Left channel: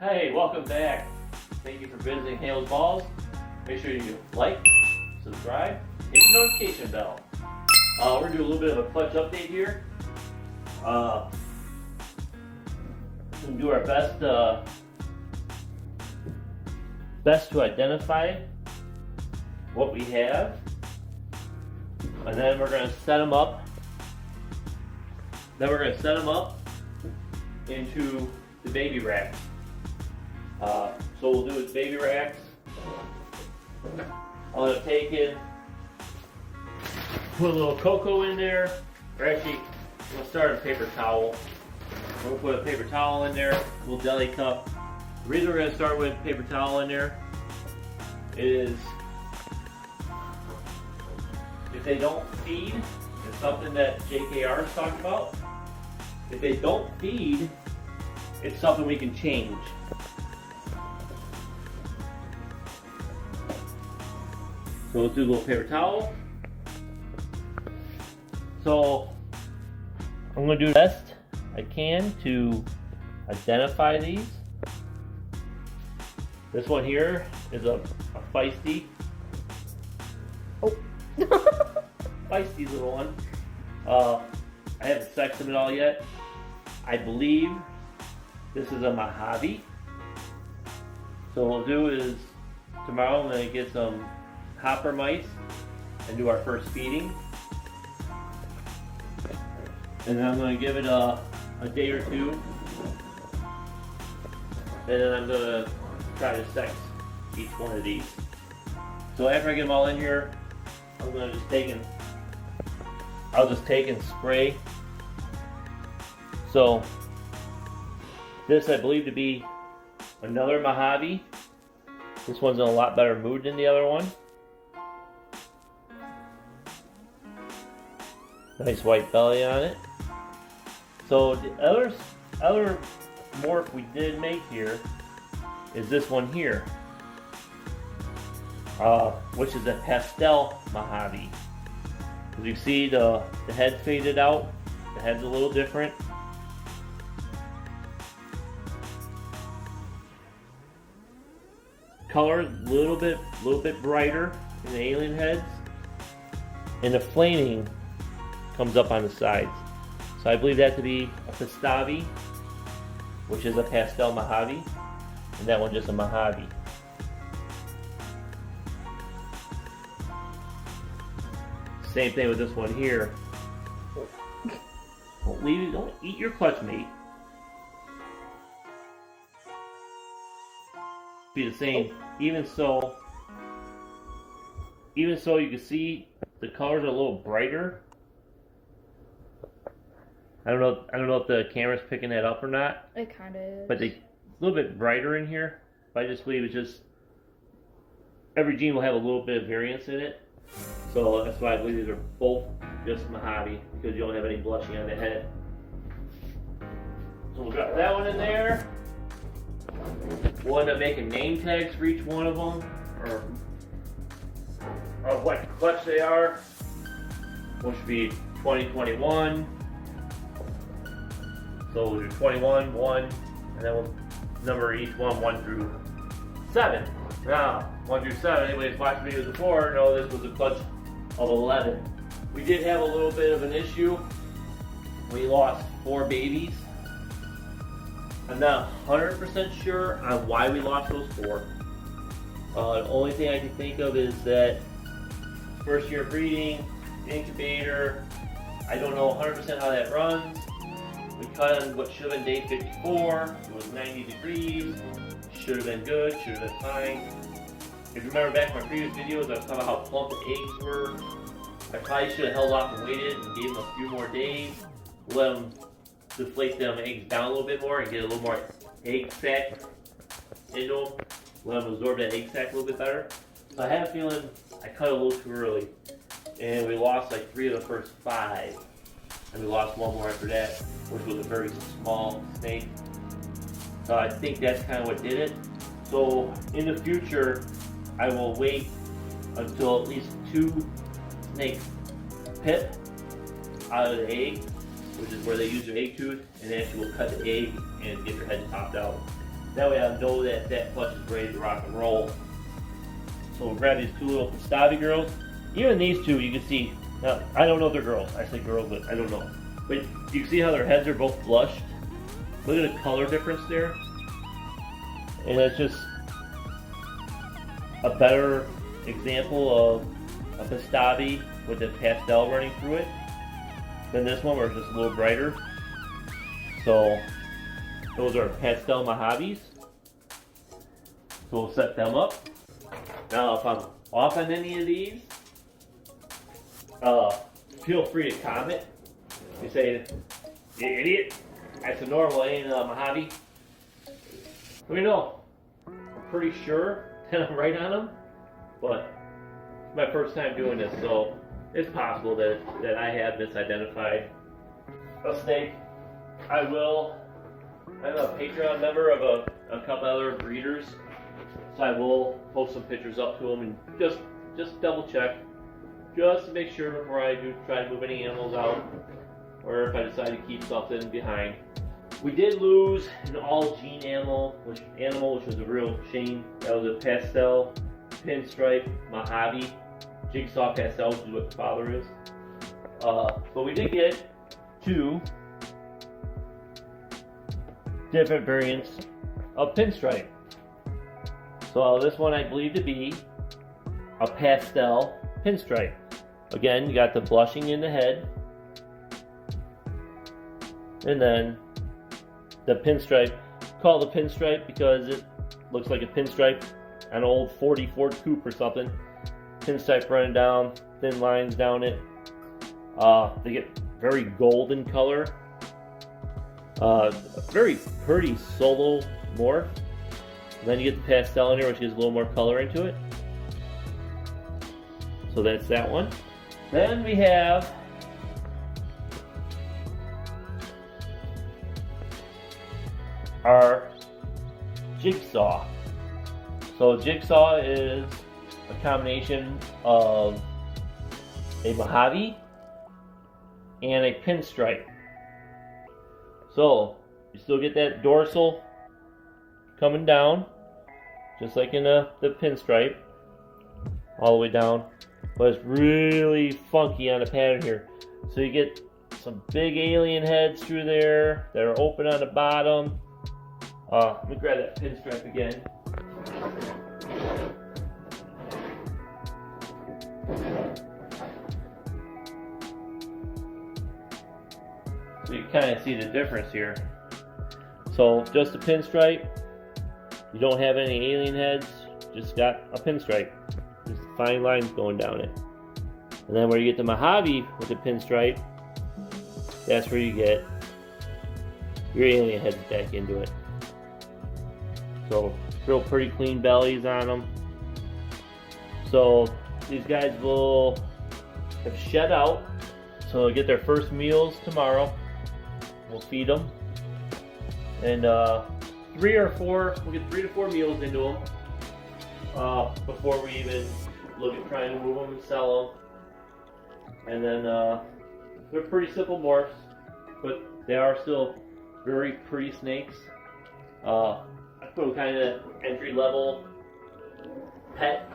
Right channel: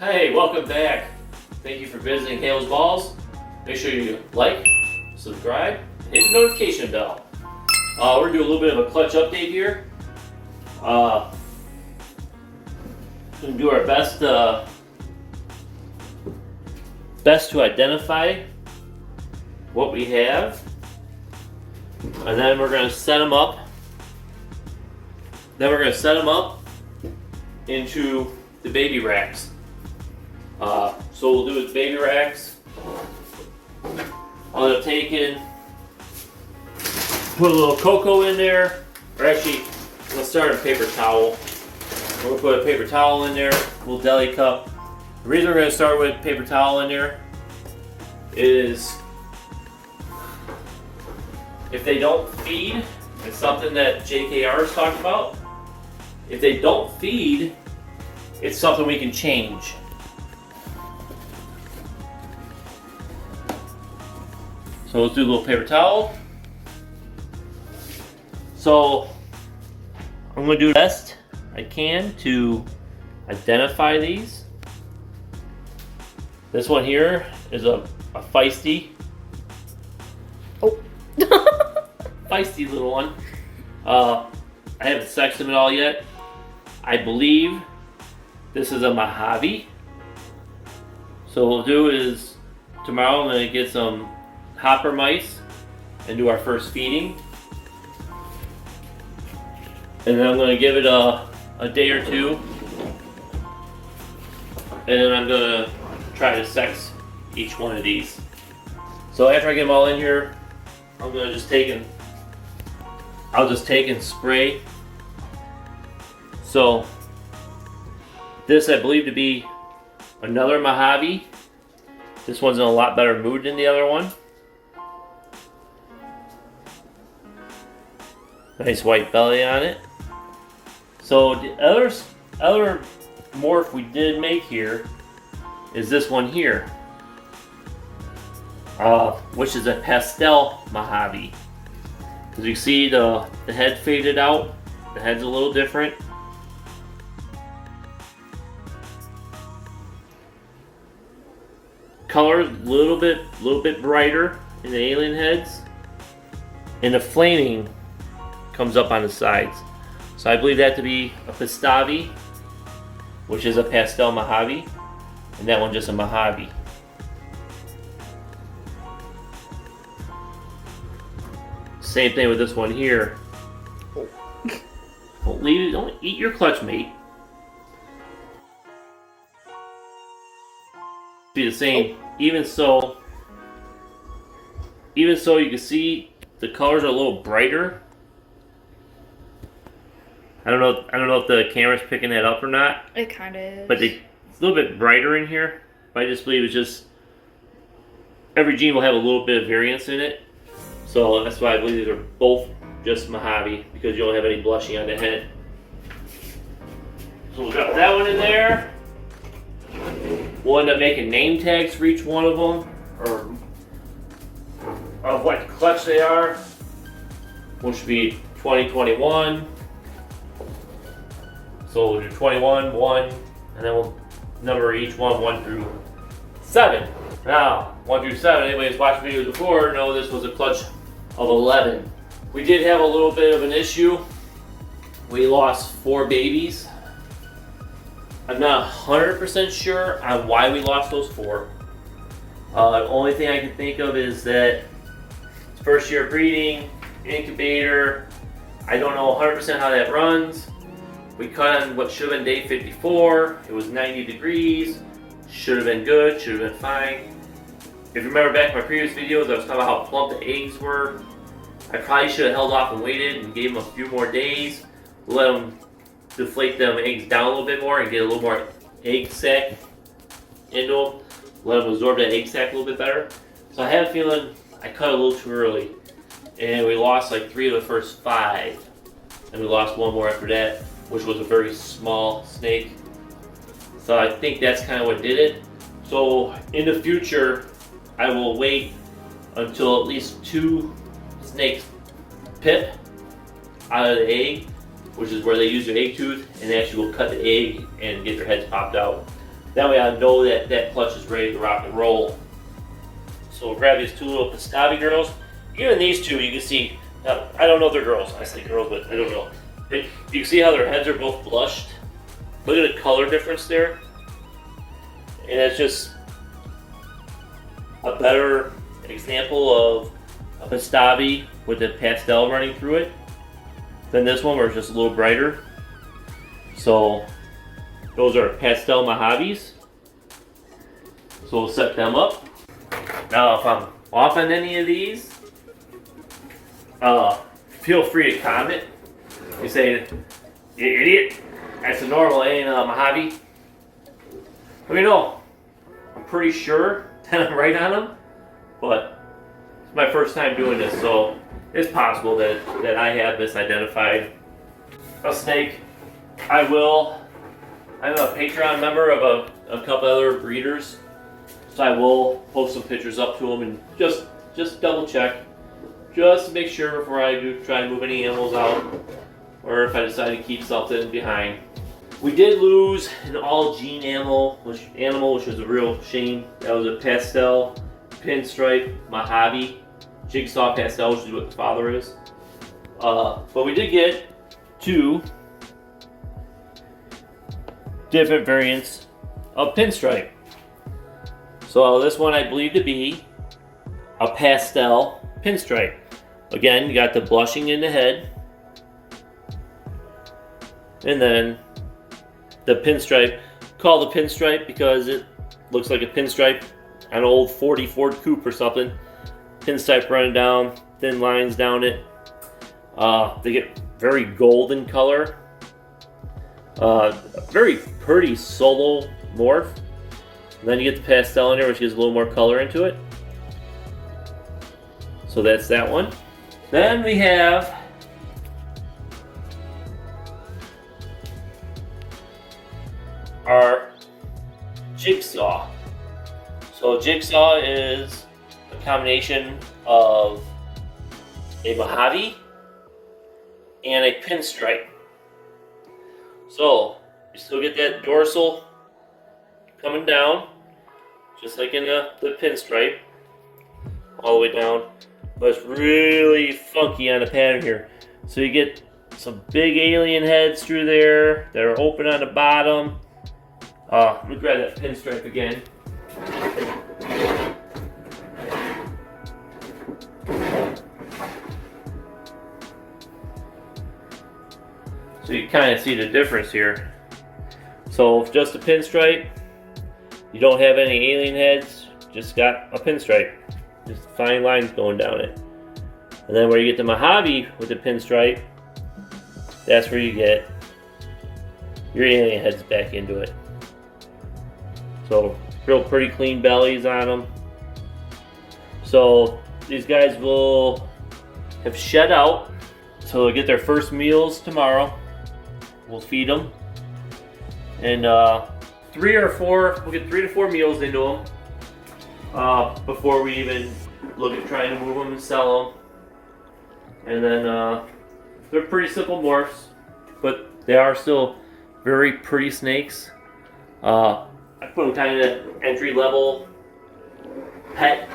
Hey, welcome back. Thank you for visiting Halo's Balls. Make sure you like, subscribe, and hit the notification bell. We're doing a little bit of a clutch update here. We're gonna do our best to identify what we have, and then we're gonna set them up. Into the baby racks. So we'll do with baby racks. I'll have taken, put a little cocoa in there, or actually, let's start a paper towel. We're gonna put a paper towel in there, a little deli cup. The reason we're gonna start with paper towel in there is if they don't feed, it's something that JKR has talked about. If they don't feed, it's something we can change. So let's do a little paper towel. So I'm going to do the best I can to identify these. This one here is a feisty. Oh. Feisty little one. I haven't sexed them at all yet. I believe this is a Mojave. So what we'll do is tomorrow I'm going to get some hopper mice and do our first feeding. And then I'm going to give it a day or two. And then I'm going to try to sex each one of these. So after I get them all in here, I'm going to I'll just take and spray. So this I believe to be another Mojave. This one's in a lot better mood than the other one. Nice white belly on it. So the other morph we did make here is this one here, which is a pastel Mojave. As you see, the head faded out. The head's a little different. Color a little bit brighter in the alien heads, and the flaming comes up on the sides. So I believe that to be a Pistavi, which is a pastel Mojave, and that one just a Mojave. Same thing with this one here. Don't eat your clutch, mate. Be the same. Even so, you can see the colors are a little brighter. I don't know if the camera's picking that up or not. It kind of is. But it's a little bit brighter in here. But I just believe it's just every gene will have a little bit of variance in it. So that's why I believe these are both just Mojave, because you don't have any blushy on the head. So we'll drop that one in there. We'll end up making name tags for each one of them, or what clutch they are, which should be 2021. So we'll do 21, 1, and then we'll number each one 1 through 7. Now, 1 through 7, anybody who's watched videos before know this was a clutch of 11. We did have a little bit of an issue. We lost 4 babies. I'm not 100% sure on why we lost those 4. The only thing I can think of is that first year of breeding, incubator, I don't know 100% how that runs. We cut on what should have been day 54. It was 90 degrees. Should have been good, should have been fine. If you remember back in my previous videos, I was talking about how plump the eggs were. I probably should have held off and waited and gave them a few more days. Let them deflate them eggs down a little bit more and get a little more egg sac into them. Let them absorb that egg sac a little bit better. So I have a feeling I cut a little too early. And we lost like 3 of the first 5. And we lost 1 more after that, which was a very small snake. So I think that's kind of what did it. So in the future, I will wait until at least 2 snakes pip out of the egg, which is where they use their egg tooth, and they actually will cut the egg and get their heads popped out. That way I know that that clutch is ready to rock and roll. So we'll grab these two little Pastavi girls. Even these two, you can see, now, I don't know if they're girls. I say girls, but I don't know. But you can see how their heads are both blushed. Look at the color difference there. And that's just a better example of a Pastavi with the pastel running through it than this one where it's just a little brighter. So those are pastel Mojaves. So we'll set them up. Now if I'm off on any of these, feel free to comment. You say, you idiot, that's a normal, ain't a Mojave. Let me know. I'm pretty sure that I'm right on them, but it's my first time doing this, so it's possible that I have misidentified a snake. I'm a Patreon member of a couple other breeders, so I will post some pictures up to them and just double check, just to make sure before I do try to move any animals out, or if I decide to keep something behind. We did lose an all gene animal, which was a real shame. That was a pastel pinstripe Mojave, jigsaw pastel, which is what the father is. But we did get two different variants of pinstripe. So this one I believe to be a pastel pinstripe. Again, you got the blushing in the head, and then the pinstripe. Called the pinstripe because it looks like a pinstripe, an old 40 Ford Coupe or something. Pinstripe running down, thin lines down it. They get very golden color. Very pretty solo morph. And then you get the pastel in there, which gives a little more color into it. So that's that one. Then we have our jigsaw. So jigsaw is a combination of a Mojave and a pinstripe. So you still get that dorsal coming down, just like in the pinstripe, all the way down. But it's really funky on the pattern here. So you get some big alien heads through there that are open on the bottom. Let me grab that pinstripe again. So you kind of see the difference here. So just a pinstripe, you don't have any alien heads, just got a pinstripe. Just fine lines going down it. And then where you get the Mojave with the pinstripe, that's where you get your alien heads back into it. So real pretty clean bellies on them. So these guys will have shed out. So they'll get their first meals tomorrow. We'll feed them. And we'll get 3 to 4 meals into them before we even look at trying to move them and sell them. And then they're pretty simple morphs, but they are still very pretty snakes. I put them kind of entry-level pet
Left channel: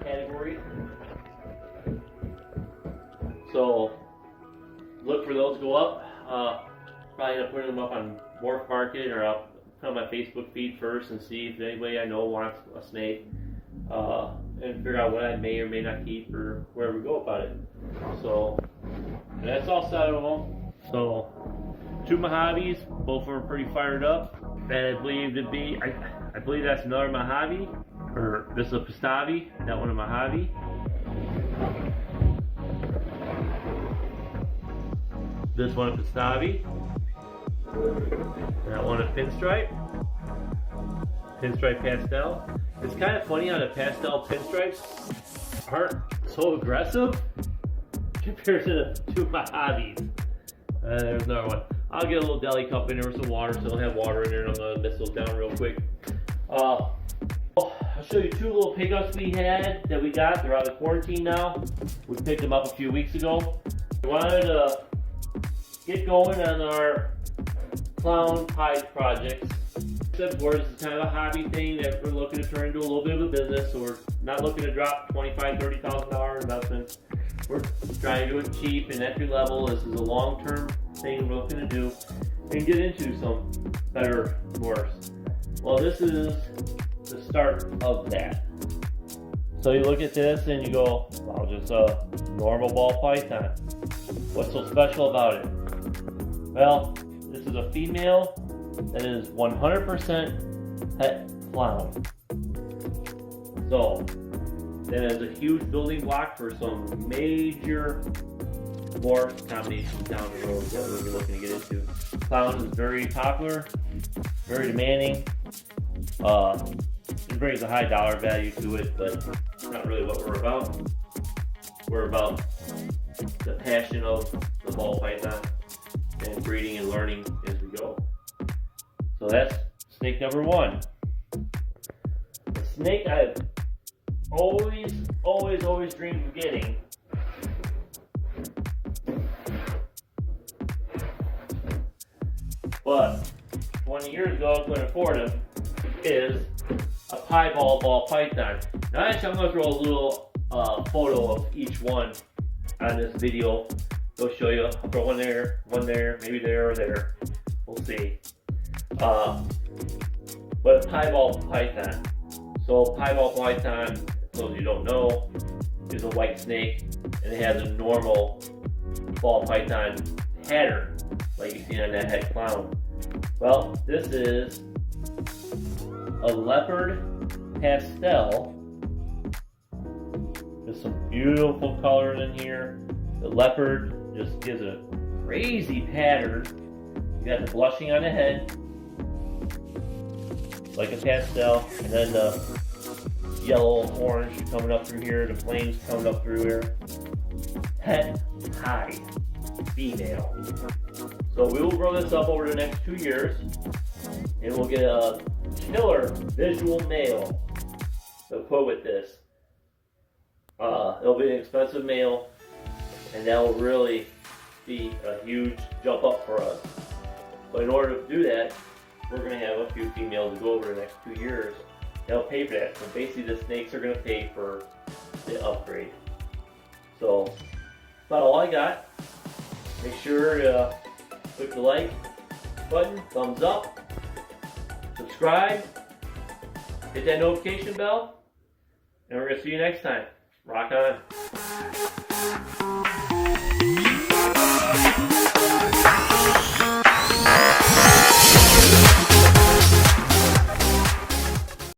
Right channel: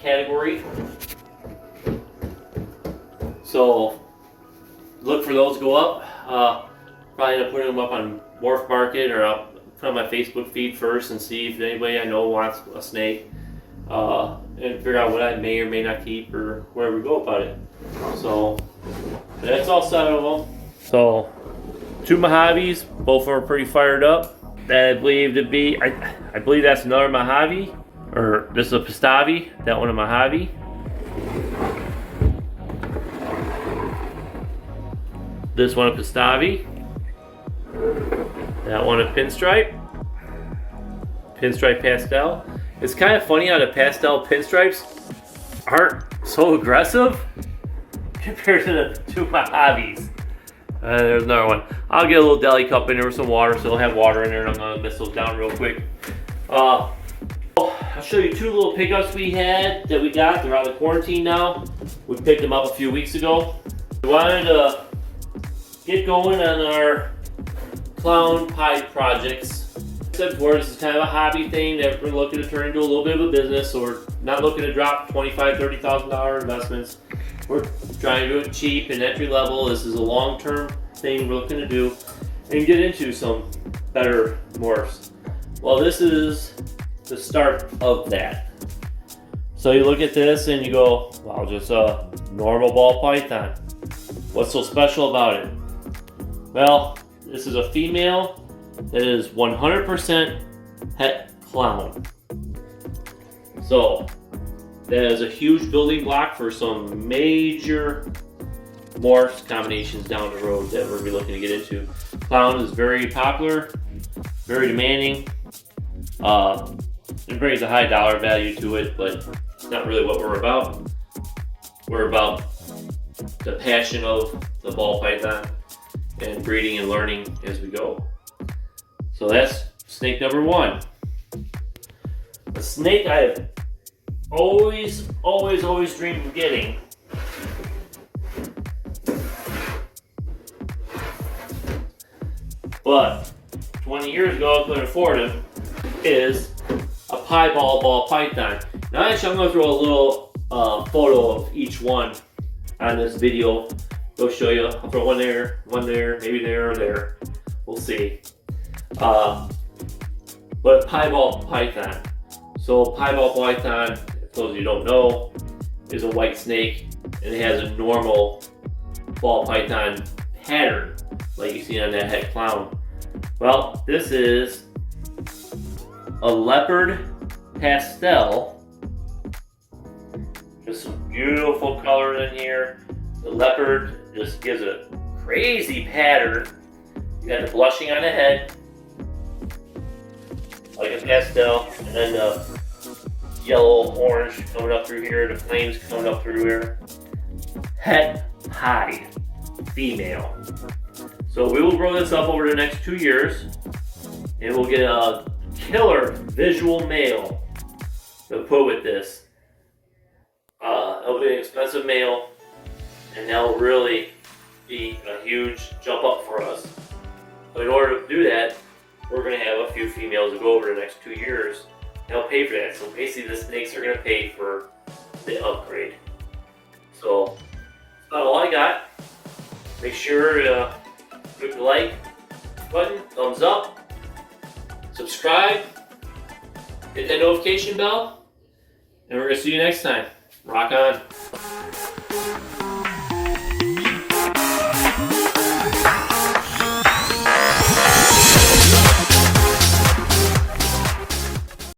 category. So look for those to go up. Probably end up putting them up on Morph Market, or I'll put on my Facebook feed first and see if anybody I know wants a snake, and figure out what I may or may not keep or where we go about it. So that's all set of them. So 2 Mojaves, both of them are pretty fired up. That I believe to be, I believe that's another Mojave, or this is a Pastavi, that one a Mojave. This one a Pastavi. That one a pinstripe. Pinstripe pastel. It's kind of funny how the pastel pinstripes aren't so aggressive compared to the 2 Mojaves. There's another one. I'll get a little deli cup in there with some water, so it'll have water in there, and I'm gonna mist those down real quick. I'll show you 2 little pickups we had that we got. They're out of quarantine now. We picked them up a few weeks ago. We wanted to get going on our clown pied projects. said before, this is kind of a hobby thing that we're looking to turn into a little bit of a business. So we're not looking to drop $25,000, $30,000 investments. We're trying to do it cheap and entry level. This is a long-term thing we're looking to do and get into some better morphs. Well, this is the start of that. So you look at this and you go, wow, just a normal ball python. What's so special about it? Well, this is a female that is 100% het clown. So that is a huge building block for some major morphs combinations down the road that we'll be looking to get into. Clown is very popular, very demanding. It brings a high dollar value to it, but it's not really what we're about. We're about the passion of the ball python and breeding and learning as we go. So that's snake number one. A snake I've always dreamed of getting but 20 years ago I couldn't afford him, is a piebald ball python. Now actually I'm going to throw a little photo of each one on this video. Go show you. I'll throw one there, maybe there or there. We'll see. But piebald python. So piebald python, for those of you who don't know, is a white snake and it has a normal ball python pattern like you see on that het clown. Well, this is a leopard pastel. Just some beautiful colors in here. The leopard just gives a crazy pattern. You got the blushing on the head, like a pastel, and then the yellow, orange coming up through here, the flames coming up through here. Het high, female. So we will grow this up over the next 2 years, and we'll get a killer visual male to put with this. It'll be an expensive male, and that'll really be a huge jump up for us. But in order to do that, we're going to have a few females to go over the next 2 years. They'll pay for that. So basically the snakes are going to pay for the upgrade. So that's about all I got. Make sure to click the like button, thumbs up, subscribe, hit that notification bell, and we're going to see you next time. Rock on.